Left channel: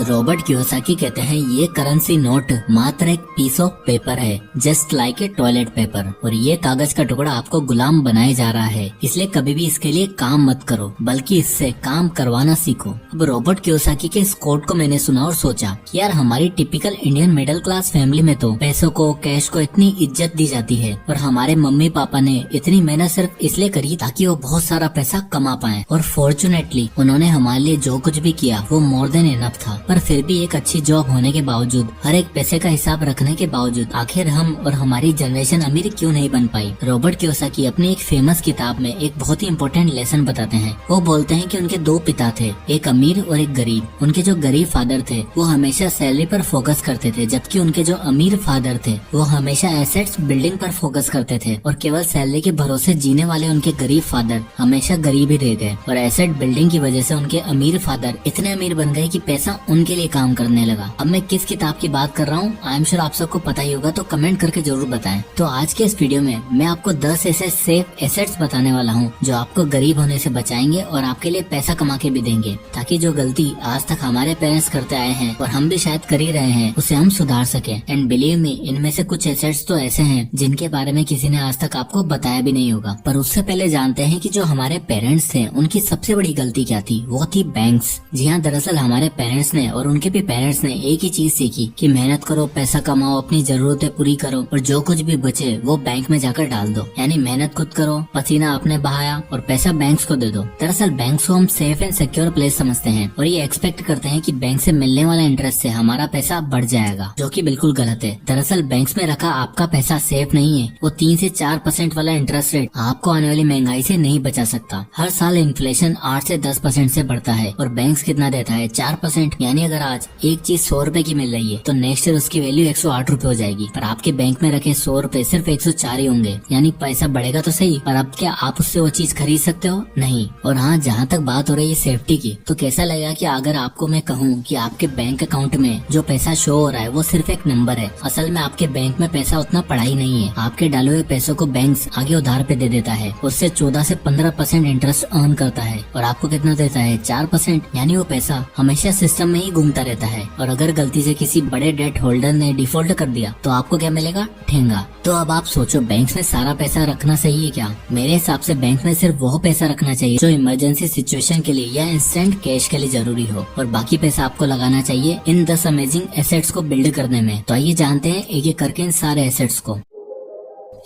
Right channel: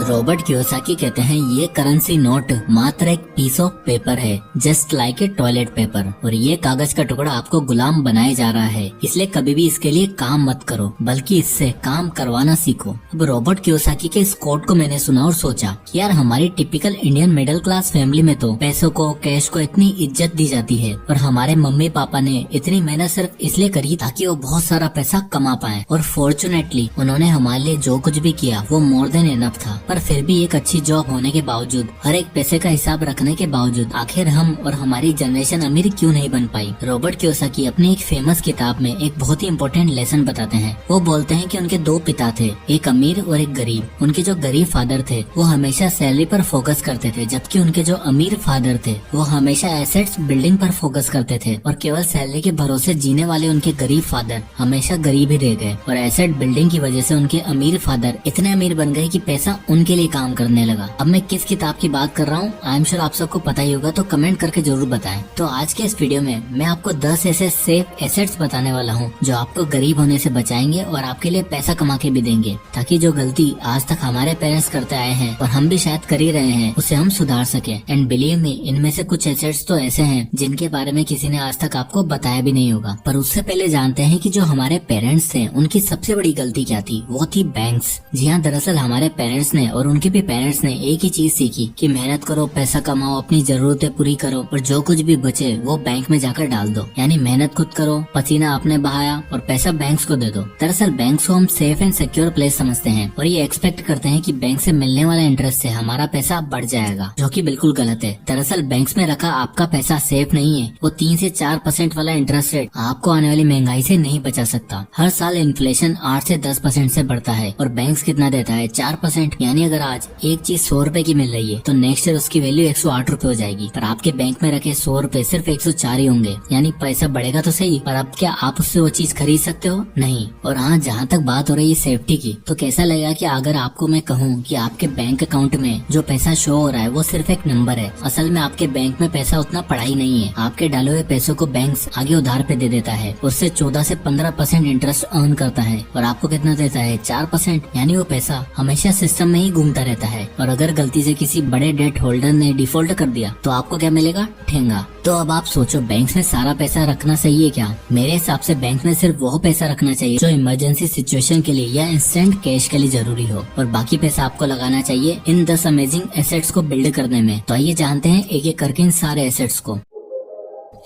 Robert Kiyosaki कहते हैं ये करेंसी नोट मात्र एक पीस ऑफ पेपर है, just like a toilet paper. और ये कागज का टुकड़ा आपको गुलाम बनाया जा रहा है, इसलिए कभी भी इसके लिए काम मत करो, बल्कि इससे काम करवाना सीखो। अब रॉबर्ट कियोसाकी के इस कोट को मैंने सुना और सोचा कि यार हमारी typical Indian middle class family में तो पैसों को, कैश को इतनी इज्जत दी जाती है, और हमारे मम्मी पापा ने इतनी मेहनत सिर्फ इसलिए करी ताकि वो बहुत सारा पैसा कमा पाए, और फॉर्चुनेटली उन्होंने हमारे लिए जो कुछ भी किया वो मोर देन इनफ था। पर फिर भी एक अच्छी जॉब होने के बावजूद, हर एक पैसे का हिसाब रखने के बावजूद आखिर हम और हमारी जनरेशन अमीर क्यों नहीं बन पाई। रॉबर्ट कियोसाकी अपनी एक फेमस किताब में एक बहुत ही इम्पोर्टेंट लेसन बताते हैं। वो बोलते हैं कि उनके दो पिता थे, एक अमीर और एक गरीब। उनके जो गरीब फादर थे वो हमेशा सैलरी पर फोकस करते थे, जबकि उनके जो अमीर फादर थे वो हमेशा एसेट्स बिल्डिंग पर फोकस करते थे। और केवल सैलरी के भरोसे जीने वाले उनके गरीब फादर हमेशा गरीब ही रह गए, और एसेट बिल्डिंग की वजह से उनके अमीर फादर इतने अमीर बन गए कि पैसा उनके लिए काम करने लगा। अब मैं किस किताब की बात कर रहा हूँ आई एम श्योर आप सबको पता ही होगा, तो कमेंट करके जरूर बताएं। तो आज के इस वीडियो में मैं आपको 10 ऐसे सेफ एसेट्स बताने वाला हूँ जो आपको गरीब होने से बचाएंगे और आपके लिए पैसा कमा के भी देंगे, ताकि जो गलती आज तक हमारे पेरेंट्स करते आए हैं और हम भी शायद कर ही रहे हैं उसे हम सुधार सके। एंड बिलीव मी, इनमें से कुछ एसेट्स तो ऐसे हैं जिनके बारे में किसी ने आज तक आपको बताया भी नहीं होगा। पर उससे पहले जानते हैं कि जो हमारे पेरेंट्स थे उनकी सबसे बड़ी गलती क्या थी। वो थी बैंक्स। जी हाँ, दरअसल हमारे पेरेंट्स ने और उनके भी पेरेंट्स ने एक ही चीज सीखी कि मेहनत करो, पैसा कमाओ, अपनी जरूरतें पूरी करो, और जो कुछ भी बचे वो बैंक में जाकर डाल दो। यानी मेहनत खुद करो, पसीना आपने बहाया और पैसा बैंक्स को दे दो। दरअसल बैंक्स को हम सेफ एंड सिक्योर प्लेस समझते हैं और ये एक्सपेक्ट करते हैं कि बैंक से मिलने वाला इंटरेस्ट से हमारा पैसा बढ़ जाएगा, जो कि बिल्कुल गलत है। दरअसल बैंक्स में रखा आपका पैसा सेफ नहीं है। वो 3 से 4% वाला इंटरेस्ट रेट आपको आने वाली महंगाई से नहीं बचा सकता। हर साल इन्फ्लेशन 8 से 10% से बढ़ता है, और बैंक्स कितना देता है, 4%। यानी अगर आज एक चीज 100 रुपए की मिल रही है तो नेक्स्ट ईयर उसकी वैल्यू 108 रुपए हो जाएगी। पर आपके बैंक में रखे 100 रुपए सिर्फ 104 ही होंगे। यानी पैसा बढ़ेगा तो सही, पर अब क्या आप उससे वो चीज खरीद सकते हो? नहीं। और हाँ, जहाँ तक बात हो रही है सेफ्टी की, तो कैसा लगेगा कि अगर आपको मैं कहूँ कि आपके बैंक अकाउंट में जो पैसा शो हो रहा है वो सिर्फ एक नंबर है। असल में आपके बैंक में पैसा उतना पड़ा ही नहीं है। आपके डाले हुए पैसों को बैंक आगे उधार पे दे देता है, उससे 14 से 15% इंटरेस्ट अर्न करता है, और आपको कितना देता है, 4%। यानी वो पैसा हमेशा सिस्टम में ही घूमता रहता है। और अगर गलती से किसी बड़े डेट होल्डर ने डिफॉल्ट कर दिया तो आपको क्या मिलेगा, ठेंगा। तो अब आप सोचो, बैंक में सारा पैसा रखना सही है क्या? मेरे हिसाब से बैंक में सिर्फ वो पैसा रखना चाहिए जो इमरजेंसी सिचुएशन के लिए या इंस्टेंट कैश के लिए जरूरी हो, और बाकी पैसा आपको लगाना चाहिए इन 10 अमेजिंग एसेट्स को बिल्ड करने में। तो आइए जानते हैं एक एक करके इन सारे एसेट्स को।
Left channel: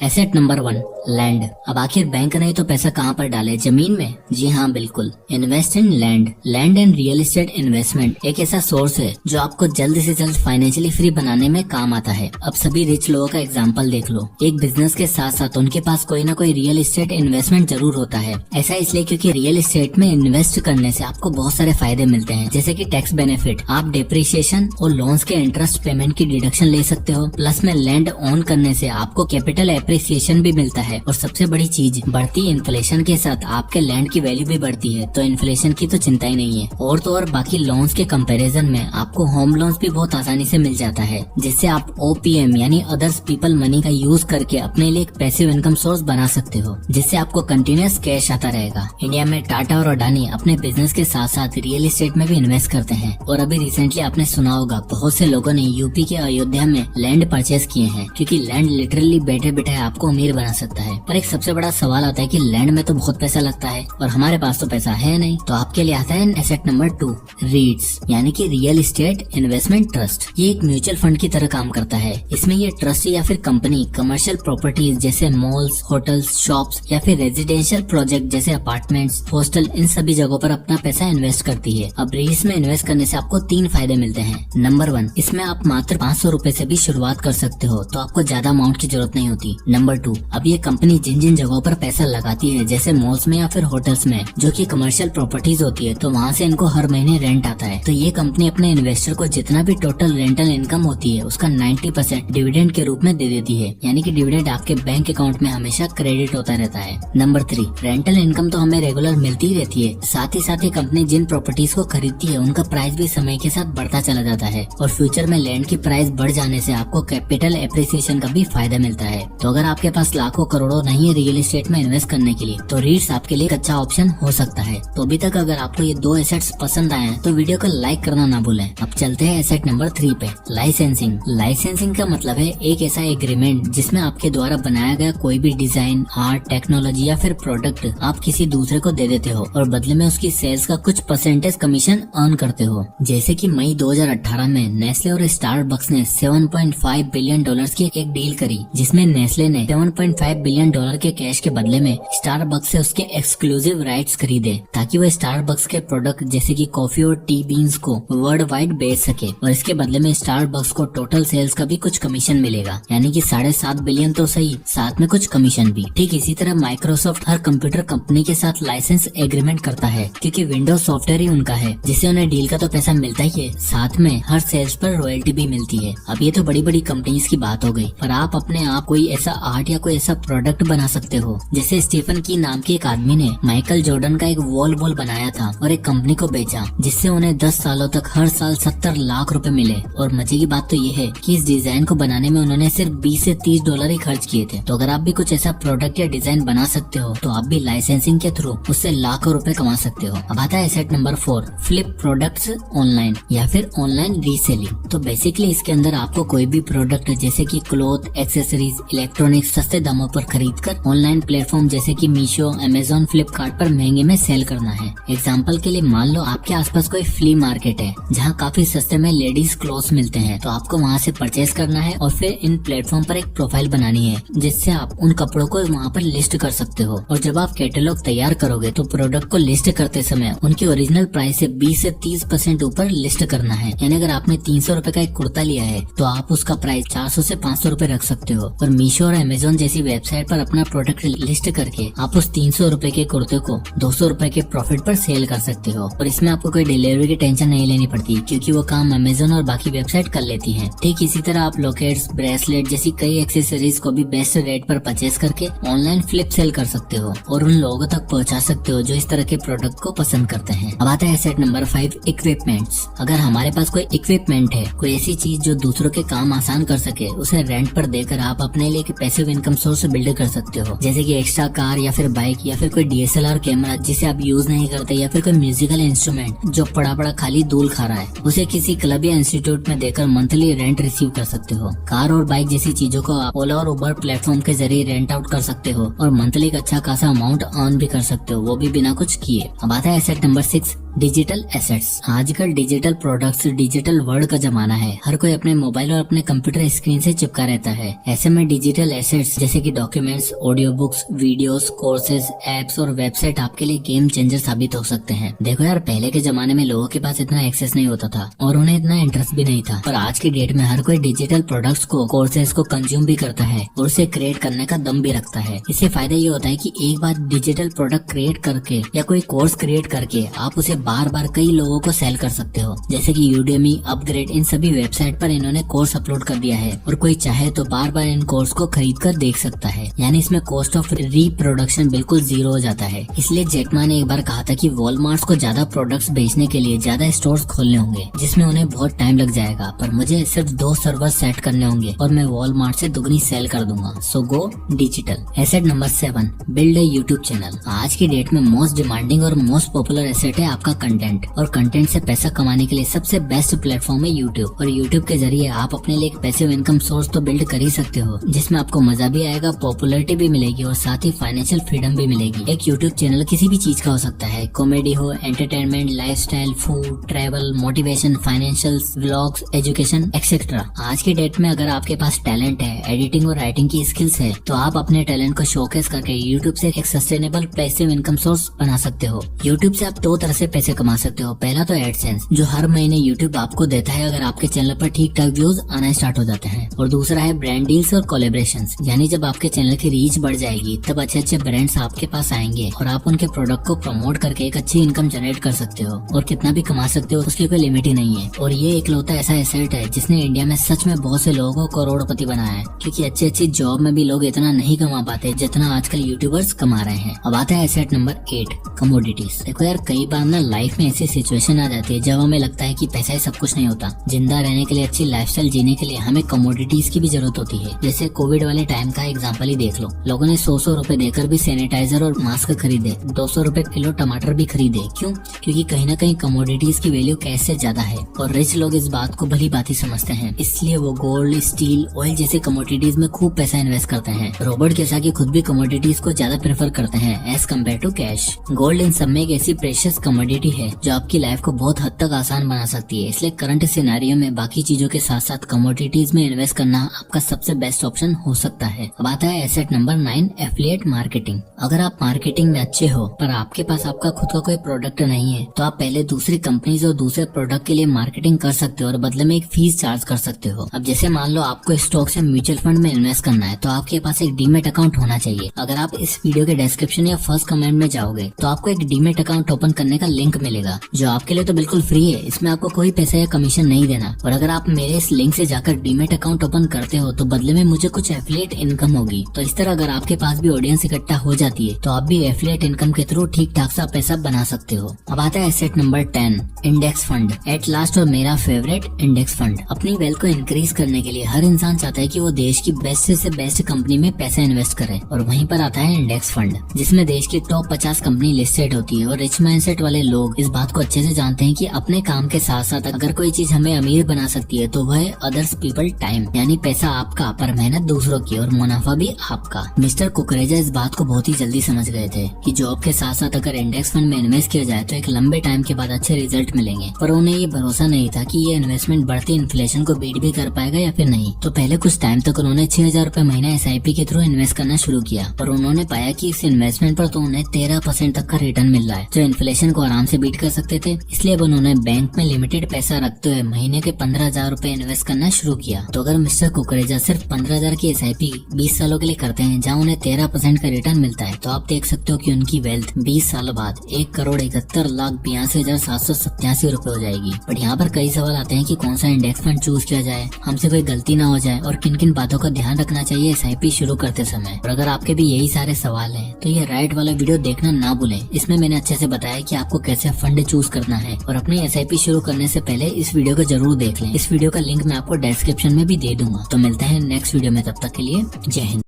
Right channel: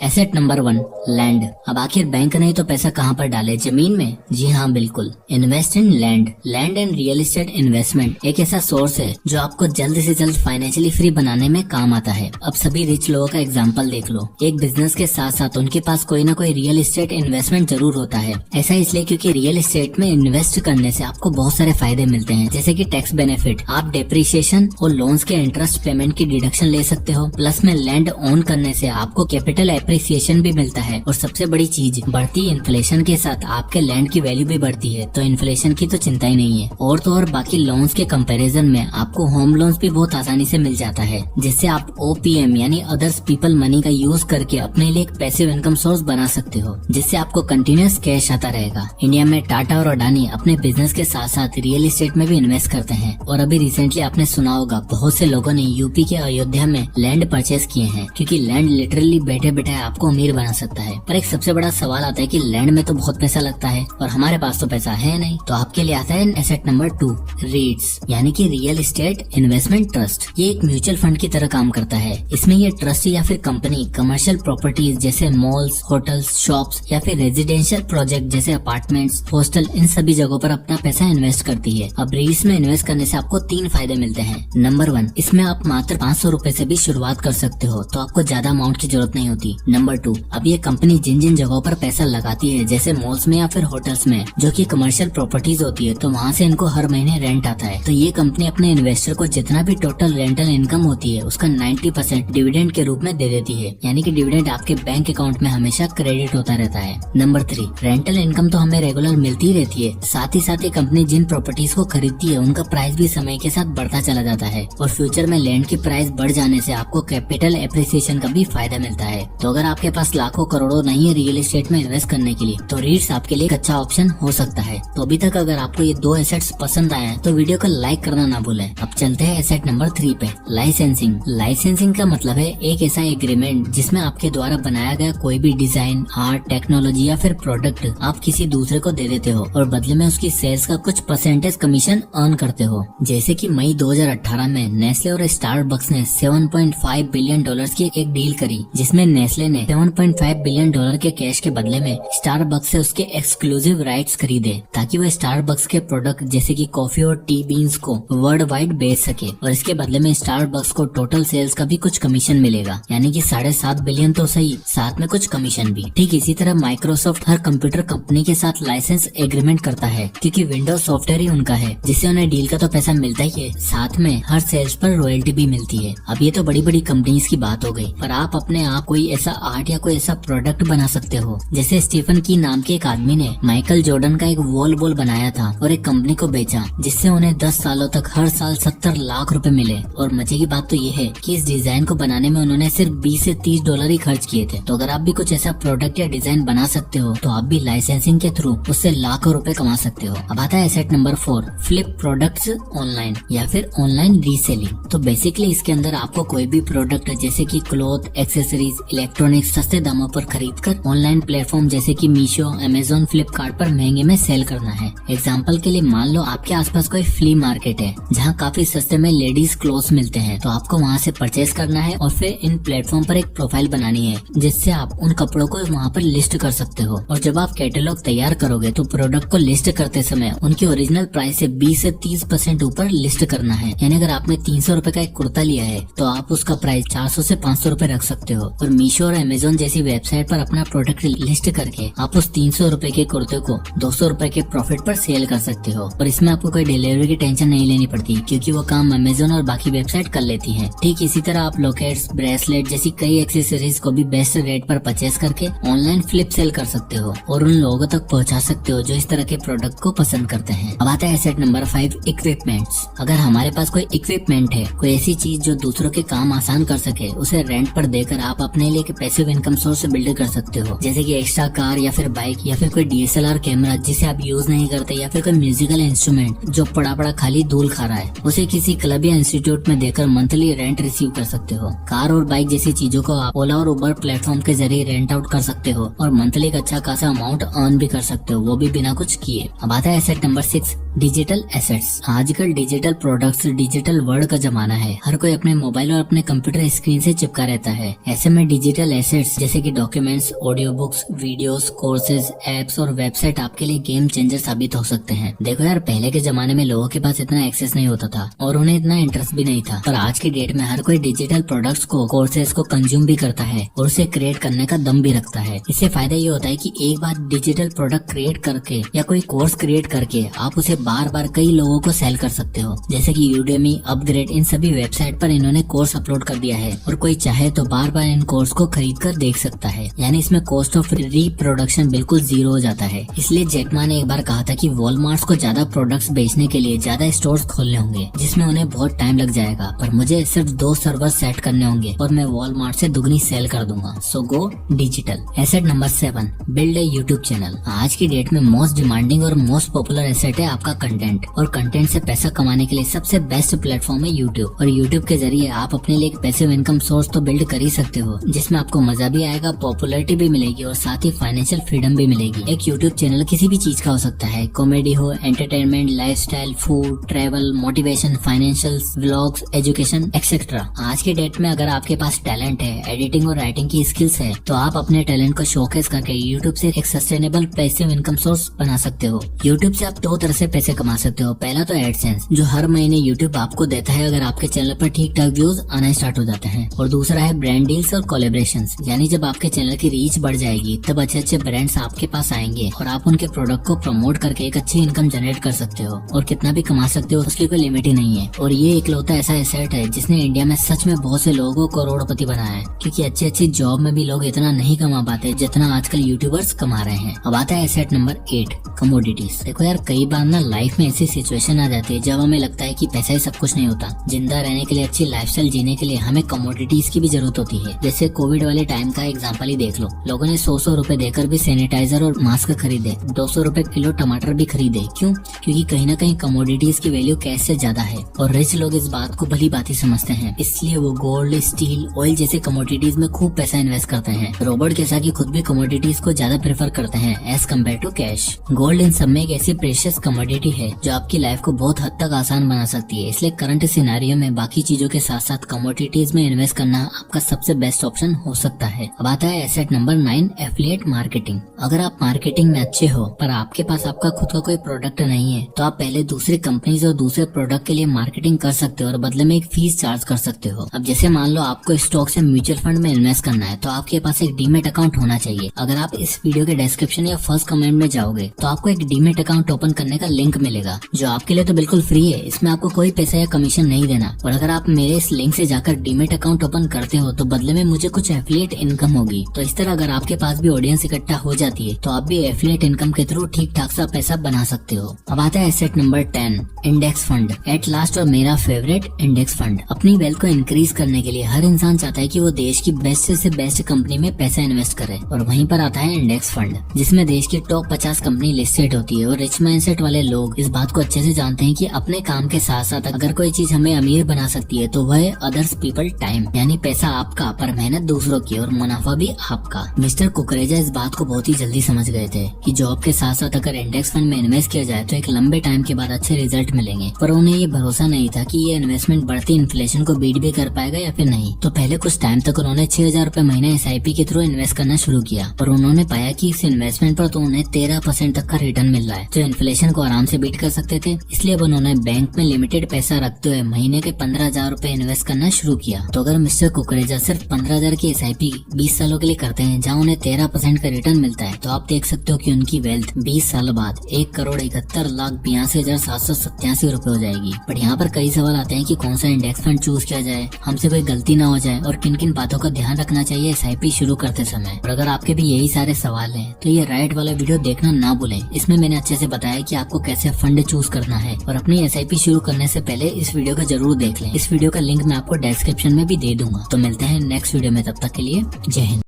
Asset number 1, land. अब आखिर बैंक नहीं तो पैसा कहाँ पर डाले, जमीन में? जी हाँ, बिल्कुल। Invest in land. Land and real estate investment एक ऐसा सोर्स है जो आपको जल्द से जल्द फाइनेंशियली फ्री बनाने में काम आता है। अब सभी रिच लोगों का एग्जांपल देख लो। एक बिजनेस के साथ साथ उनके पास कोई ना कोई रियल एस्टेट इन्वेस्टमेंट जरूर होता है। ऐसा इसलिए क्योंकि रियल एस्टेट में इन्वेस्ट करने से आपको बहुत सारे फायदे मिलते हैं, जैसे कि टैक्स बेनिफिट, आप डेप्रिसिएशन और लोन्स के इंटरेस्ट पेमेंट की डिडक्शन ले सकते हो। प्लस में लैंड ओन करने से आपको कैपिटल एप्रिसिएशन भी मिलता है, और सबसे बड़ी चीज, बढ़ती इन्फ्लेशन के साथ आपके लैंड की वैल्यू भी बढ़ती है, तो इन्फ्लेशन की तो चिंता ही नहीं है। और तो और बाकी लोन्स के कंपैरिजन में आपको होम लोन्स भी बहुत आसानी से मिल जाता है, जिससे आप OPM यानी अदर्स पीपल मनी का यूज करके अपने लिए एक पैसिव इनकम सोर्स बना सकते हो, जिससे आपको कंटिन्यूस कैश आता रहेगा। इंडिया में टाटा और अडानी अपने बिजनेस के साथ साथ रियल एस्टेट में भी इन्वेस्ट करते हैं, और अभी रिसेंटली आपने सुना होगा बहुत से लोगों ने यूपी के अयोध्या में लैंड परचेज किए हैं, क्योंकि लैंड लिटरली बैठे बैठे आपको अमीर बना सकता है। पर एक सबसे बड़ा सवाल आता है कि लैंड में तो बहुत पैसा लगता है और हमारे पास तो पैसा है नहीं। तो आपके लिए आता है एसेट नंबर 2, रीट्स यानी कि रियल एस्टेट इन्वेस्टमेंट ट्रस्ट। ये एक म्यूचुअल फंड की तरह काम करता है। इसमें ये ट्रस्ट या फिर कंपनी कमर्शियल प्रॉपर्टीज जैसे मॉल्स, होटल्स, शॉप्स या फिर रेजिडेंशियल प्रोजेक्ट जैसे अपार्टमेंट्स, हॉस्टल, इन सभी जगहों पर अपना पैसा इन्वेस्ट करती है। अब रीट्स में इन्वेस्ट करने से आपको 3 फायदे मिलते हैं। नंबर 1, इसमें आप मात्र 500 रुपए से भी शुरुआत कर सकते हो, तो आपको ज्यादा अमाउंट की जरूरत नहीं होती। नंबर 2, अब ये कंपनी जिन जिन जगहों पर पैसा लगाती है जैसे मॉल्स में या फिर होटल्स में, जो कि कमर्शियल प्रॉपर्टीज होती है, तो वहाँ से इनको हर महीने रेंट आता है। तो ये कंपनी अपने इन्वेस्टर को जितना भी टोटल रेंटल इनकम होती है उसका 90% डिविडेंड के रूप में दे देती है। यानी कि डिविडेंड आपके बैंक अकाउंट में हमेशा क्रेडिट होता रहता है। नंबर 3, रेंटल इनकम तो हमें रेगुलर मिलती ही रहती है, साथ ही कंपनी जिन प्रॉपर्टीज को खरीदती है उनका प्राइस भी समय के साथ बढ़ता चला जाता है, और फ्यूचर में लैंड की प्राइस बढ़ जाने से आपको कैपिटल एप्रिसिएशन का भी फायदा मिलता है। तो अगर आपके पास लाखों करोड़ों नहीं है रियल एस्टेट में इन्वेस्ट करने के लिए, तो रीट्स आपके लिए एक अच्छा ऑप्शन हो सकता है। तो अभी तक अगर आपको ये 2 एसेट्स पसंद आए हैं तो वीडियो को लाइक करना ना भूलें। अब चलते हैं एसेट नंबर 3 पे, लाइसेंसिंग। लाइसेंसिंग का मतलब है एक ऐसा एग्रीमेंट जिसमें आपके द्वारा बनाया गया कोई भी डिजाइन, आर्ट, टेक्नोलॉजी या फिर प्रोडक्ट आप किसी दूसरे को दे देते हो और बदले में उसकी सेल्स का कुछ परसेंटेज कमीशन अर्न करते हो। जैसे कि मई 2018 में नेस्ले और स्टारबक्स ने $7.5 बिलियन की एक डील करी, जिसमें नेस्ले ने $7.5 बिलियन के कैश के बदले में स्टारबक्स से उसके एक्सक्लूसिव राइट्स खरीदे, ताकि वह स्टारबक्स के प्रोडक्ट जैसे कि कॉफी और टी बीन्स को वर्ल्ड वाइड बेच सके और इसके बदले में स्टारबक्स को टोटल सेल्स का भी कुछ कमीशन मिलेगा, यानी कि $7.5 बिलियन तो सही, साथ में कुछ कमीशन भी। ठीक इसी तरह माइक्रोसॉफ्ट हर कंप्यूटर कंपनी के साथ लाइसेंस एग्रीमेंट करता है, क्योंकि विंडोज सॉफ्टवेयर ही उनका है, जिससे उन्हें डील का तो पैसा मिलता ही है, साथ में हर सेल्स पर रॉयल्टी भी मिलती है। अब ये तो बड़ी बड़ी कंपनीज की बात हो गई, पर आप अपने आप कोई ऐसा आर्ट या कोई ऐसा प्रोडक्ट बना सकते हो। जैसे स्टीफन की नाम के एक आदमी ने माइकल जॉर्डन का एक वॉल बॉल बनाया था और एक कंपनी को बेचा, जिससे उन्हें 10 सालों तक हर साल 70 लाख रुपए मिले। और मजे की बात तो ये है कि इस डिजाइन को बनाने में उन्होंने सिर्फ $20 से $30 ही खर्च किए थे। तो अगर आप भी कुछ ऐसा प्रोडक्ट या डिजाइन बना सकते हो तो आप भी लाइसेंसिंग के थ्रू उससे लाखों रुपए कमा सकते हो। अब आता है asset number 4, flip products online या फिर ऑनलाइन रीसेलिंग। तो बेसिकली इसके अंदर आपको कोई भी प्रोडक्ट जैसे कि क्लोथ, एक्सेसरीज, इलेक्ट्रॉनिक्स सस्ते दामों पर खरीद कर ऑनलाइन प्लेटफॉर्म जैसे कि मीशो, अमेजोन, फ्लिपकार्ट पर महंगे में सेल करना है। एग्जाम्पल के लिए मान लो आपके आसपास कोई फ्ली मार्केट है जहाँ काफी सस्ते में लेडीज क्लोथ्स मिलते हैं, तो आपको वहाँ से परचेज करना है और फिर इन प्लेटफॉर्म पर एक प्रोफाइल बनानी है, जिससे आप उन कपड़ों को वहाँ पर लिस्ट कर सकते हो। और जब आप कैटलॉग तैयार करोगे तो प्रोडक्ट को लिस्ट करते समय उनकी ओरिजिनल प्राइस से 20 से 30% ऊपर लिस्ट करना है। यानी अगर आपने 300 रुपए का एक कुर्ता लिया है तो आप उसका प्राइस 400 से 500 रुपए रख सकते हो। और मीशो और अमेजोन जैसी वेबसाइट पर अपना प्रोडक्ट लिस्ट करके आप उस 300 रुपए के कुर्ते को 200 रुपए के प्रॉफिट पर सेल कर सकते हो। और इसमें आपको कोई डिलीवरी की टेंशन नहीं लेनी पड़ती, क्योंकि वो काम अमेजोन और बाकी वेबसाइट कर लेती है। ठीक इसी तरह आप लॉकेट्स, ब्रेसलेट जैसी कई एक्सेसरीज को भी बेस्ट रेट पर परचेज करके ऑनलाइन फ्लिप सेल कर सकते हो और उन लोगों तक पहुंचा सकते हो जो इस तरह के प्रोडक्ट को पसंद करते हैं। अब आता है एसेट नंबर 5, इक्विपमेंट्स। अगर हमारे पास कोई इक्विपमेंट है, कोई ऐसी चीज जो दूसरों के काम आसान कर सके, उसे रेंट पर देकर आप अपने लिए पैसिव इनकम सोर्स बिल्ड कर सकते हो। जैसे कि एक्स्ट्रा कार या फिर बाइक या फिर कोई DSLR कैमरा जिसे आप यूज नहीं करते, या फिर कोई म्यूजिकल इंस्ट्रूमेंट जो पड़ा पड़ा खाली धूल खा रहा है, उसे किसी क्लब या इंस्टीट्यूट में देकर मंथली रेंट रिसीव कर सकते हो। कार और बाइक जैसी चीजों को आप ओला और उबर प्लेटफॉर्म के जरिए रेंट आउट कर सकते हो और मंथली का अच्छा खासा अमाउंट अर्न भी कर सकते हो, वो भी बिना कुछ किए। अब आता है एसेट नंबर 6, डिजिटल एसेट्स। आजकल डिजिटल प्रोडक्ट्स, डिजिटल वर्ल्ड का जमाना है। हर कोई अपने मोबाइल और अपने कंप्यूटर स्क्रीन से चिपका रहता है। ऐसे में डिजिटल एसेट्स जैसे कि documents, audio books, videos, courses, apps और वेबसाइट आपके लिए गेम चेंजर साबित हो सकते हैं। देखो यार, पहले के जमाने में लोगों के पास इतना एक्सेस नहीं होता था और उन्हें इतना इंटरेस्ट भी नहीं था, पर आज के डेट में हर कोई डिजिटल प्रोडक्ट्स को, कोर्सेज को कंज्यूम भी करता है और उसे क्रिएट करने का दम भी रखता है। इससे फायदा ये होता है कि एक बार डिजिटल प्रोडक्ट क्रिएट करके या कोई कोर्स क्रिएट करके आप उसे बार बार कई लोगों को सेल कर सकते हो। जैसे कि यूडेमी, अपग्रेड, इन सभी वेबसाइट पर इन्होंने कोर्स अपलोड कर दिया है और कोई चाहे तो बार बार इन कोर्स को खरीद कर देख सकता है। यानी इसमें कॉस्ट ऑफ रीप्रोडक्शन बिल्कुल 0 हो जाता है। इसलिए जैक मा ने एक बार कहा था कि वॉलमार्ट को ज्यादा प्रोडक्ट्स बेचने के लिए ज्यादा स्टोर्स खोलने होंगे, जिसमें उन्हें बहुत टाइम लग जाएगा, पर मुझे सिर्फ 2 सर्वर सेट करने होंगे और मैं वॉलमार्ट से दुगनी सेल कर दूंगा। So go digital. Asset number 7, build a YouTube channel. आज की डेट में मोस्ट डिमांडिंग और मोस्ट पॉपुलर एसेट है आपका कंटेंट, और कंटेंट से पैसा कमाने के लिए सबसे बेस्ट प्लेटफॉर्म है यूट्यूब। और यूट्यूब के जरिए आप अपने लिए एक पैसिव इनकम सोर्स तो बिल्ड कर ही सकते हो, जिसमें आपको मजा भी आएगा, पॉपुलैरिटी भी मिलेगी और साथ ही फाइनेंशियल फ्रीडम भी मिलेगी। एक यूट्यूब चैनल किसी भी चीज का हो सकता है, कॉमेडी हो, entertainment, lifestyle, food, travel, motivation, financial, vlogs, education etcetera. आज की डेट में अगर आपके पास टैलेंट है, एडिटिंग और राइटिंग की स्किल्स है, तो आप अपने टैलेंट को शोकेस करके यूट्यूब से एक सस्टेनेबल पैसिव इनकम सोर्स बना सकते हो। यूट्यूब से आप 2 तरह से पैसे कमा सकते हो। पहला तो एडसेंस, जो हर महीने यूट्यूब आपको देता है अगर आपके चैनल पर ठीक ठाक व्यूज आना स्टार्ट हो जाते हैं। और दूसरा है ब्रांड डील्स और कोलैबोरेशंस, यानी जब आपके चैनल की रीच बढ़ जाएगी तब अच्छे अच्छे ब्रांड्स आपके पास आएंगे और आप उनके प्रोडक्ट को प्रमोट करके एक अच्छी इनकम जनरेट कर सकते हो और कितना भी कमा सकते हो, उसकी कोई लिमिट ही नहीं है। और ये इकलौता ऐसा एसेट है जिसने इंडिया में सच में बहुत से लोगों को करोड़पति बनाया है, क्योंकि अच्छी अच्छी जॉब में भी लोग इतना नहीं कमा पाते जितना आजकल यूट्यूबर्स कमा रहे हैं। अब आता है एसेट नंबर 8, कमोडिटीज। देखो यार, कई बार ना आजकल लाइफ में ऐसी सिचुएशन आ जाती है जब हमें लगता है कि पैसा ही सब कुछ नहीं होता। जिंदा रहने के लिए, अच्छी लाइफस्टाइल जीने के लिए हमें कमोडिटीज की भी जरूरत होती है। जैसे कोविड वाले टाइम का एग्जांपल ही देख लो, लोगों ने 100 रुपए देकर भी सैनिटाइजर और मास्क खरीदे, 200 रुपए किलो टमाटर भी खरीदे। क्यों? क्योंकि कहीं ना कहीं कमोडिटीज की वैल्यू कैश से ज्यादा है और रिच लोग इस बात को भली बात ही समझते हैं, इसलिए वो गोल्ड, स्टील, ऑयल जैसे कमोडिटीज में खूब पैसा इन्वेस्ट करते हैं। रॉबर्ट कियोसाकी खुद भी कमोडिटीज को ज्यादा प्रेफर करते हैं as compare to cash. Gold इन सब में एक ऐसी प्रेशियस कमोडिटी है जो आपकी लाइफ को बहुत हद तक आसान बना सकती है, इसलिए करंट सिनेरियो में बाकी चीजों के साथ साथ कमोडिटीज में इन्वेस्ट करना आपका सबसे बेस्ट ऑप्शन हो सकता है। अब आता है एसेट नंबर 9, एफिलिएट मार्केटिंग। अगर आप मार्केटिंग में अच्छे हो पर आपके पास आपका खुद का कोई प्रोडक्ट नहीं है तो आप पहले दूसरी कंपनीज और दूसरे प्रोडक्ट के लिए मार्केटिंग कर सकते हो और बदले में एक फीस चार्ज कर सकते हो। अब जैसे मान लो आपको स्टॉक से म्यूचुअल फंड में इन्वेस्ट करना है तो आपके पास एक डीमेट अकाउंट होना चाहिए। अगर आप इस वीडियो के डिस्क्रिप्शन या फर्स्ट कमेंट में जाओगे तो आपको एक डीमेट अकाउंट ओपन करने का लिंक मिलेगा जो आपके लिए तो बिल्कुल फ्री है, इसमें आपको कोई पैसा या कमीशन नहीं देना। और अगर आप मेरे इस लिंक से जाकर डीमेट अकाउंट ओपन करते हो तो बदले में मुझे कुछ एफिलिएट इनकम होगी। तो इस तरह अगर आपके पास भी ऑडियंस इकट्ठा हो जाती है तो आप भी एफिलिएट इनकम के थ्रू ठीक ठाक सा पैसा बना सकते हो। अब आता है asset number 10, index fund. At last और मेरा फेवरेट, इंडेक्स फंड। अपनी वेल्थ को इंक्रीज करने के लिए हर इंसान चाहता है कि वो देश की बेस्ट से बेस्ट कंपनी में पैसा इन्वेस्ट करे और वहीं पर आता है इंडेक्स फंड, जिसमें देश की टॉप 50 कंपनी लिस्टेड होती है। और रिच माइंडसेट वाले लोग इस बात को अच्छे से जानते हैं कि अपने काम के साथ साथ अगर कोई चीज हमें अमीर बना सकती है तो वह है अदर्स पीपल टाइम, यानी पैसा आपका पर मेहनत दूसरों की और मुनाफा भी आपका। मिस्टर कुकरेजा इस बात को बहुत ही जल्दी समझ गए थे कि जॉब के साथ साथ अगर इंडेक्स फंड में इन्वेस्ट किया जाए तो एक लंबे टाइम के बाद अच्छे रिजल्ट मिलेंगे, पर उन्हें ये भरोसा नहीं था कि ये इन्वेस्टमेंट बढ़ती इन्फ्लेशन को बीट भी कर पाएगा या फिर नहीं। तो पहले कुछ टाइम तक उन्होंने 6000 रुपए महीने SIP के थ्रू इन्वेस्ट करना शुरू किया और उन्होंने पाया कि इस इन्वेस्टमेंट पर तो उन्हें 13% तक का रिटर्न मिल रहा है जो इन्फ्लेशन को आराम से बीट कर सकते थे। इसलिए अब उन्होंने बैंक में लिमिटेड पैसा रखते हुए महीने के 15,000 रुपए इन्वेस्ट करना शुरू किया। तो अगर मिस्टर कुकरेजा सिर्फ 15,000 की SIP 20 सालों के लिए करते हैं जहाँ उन्हें 13% का रिटर्न मिलता है तो आप देख सकते हो कि उनकी वेल्थ 20 सालों बाद 1,71,82,787 रुपए हो जाएगी। बट यहाँ पर कई सवाल आते हैं कि कौन सा इंडेक्स फंड चूज किया जाए, हमसे कोई गलती ना हो जाए और किन किन बातों का ध्यान रखना चाहिए SIP शुरू करते समय। और अगर आपके भी यही सारे सवाल हैं तो ये राइट वाला वीडियो देखना ना भूलें। इसमें मैंने अच्छे से बताया कि आपको कैसे फंड चूज करना है और अपनी SIP शुरू करने से पहले इस वीडियो को जरूर देख लें। इस वीडियो का लिंक मैं आपको डिस्क्रिप्शन में भी दे दूंगा। तो मिलते हैं नेक्स्ट वीडियो में, तब तक के लिए जय हिंद।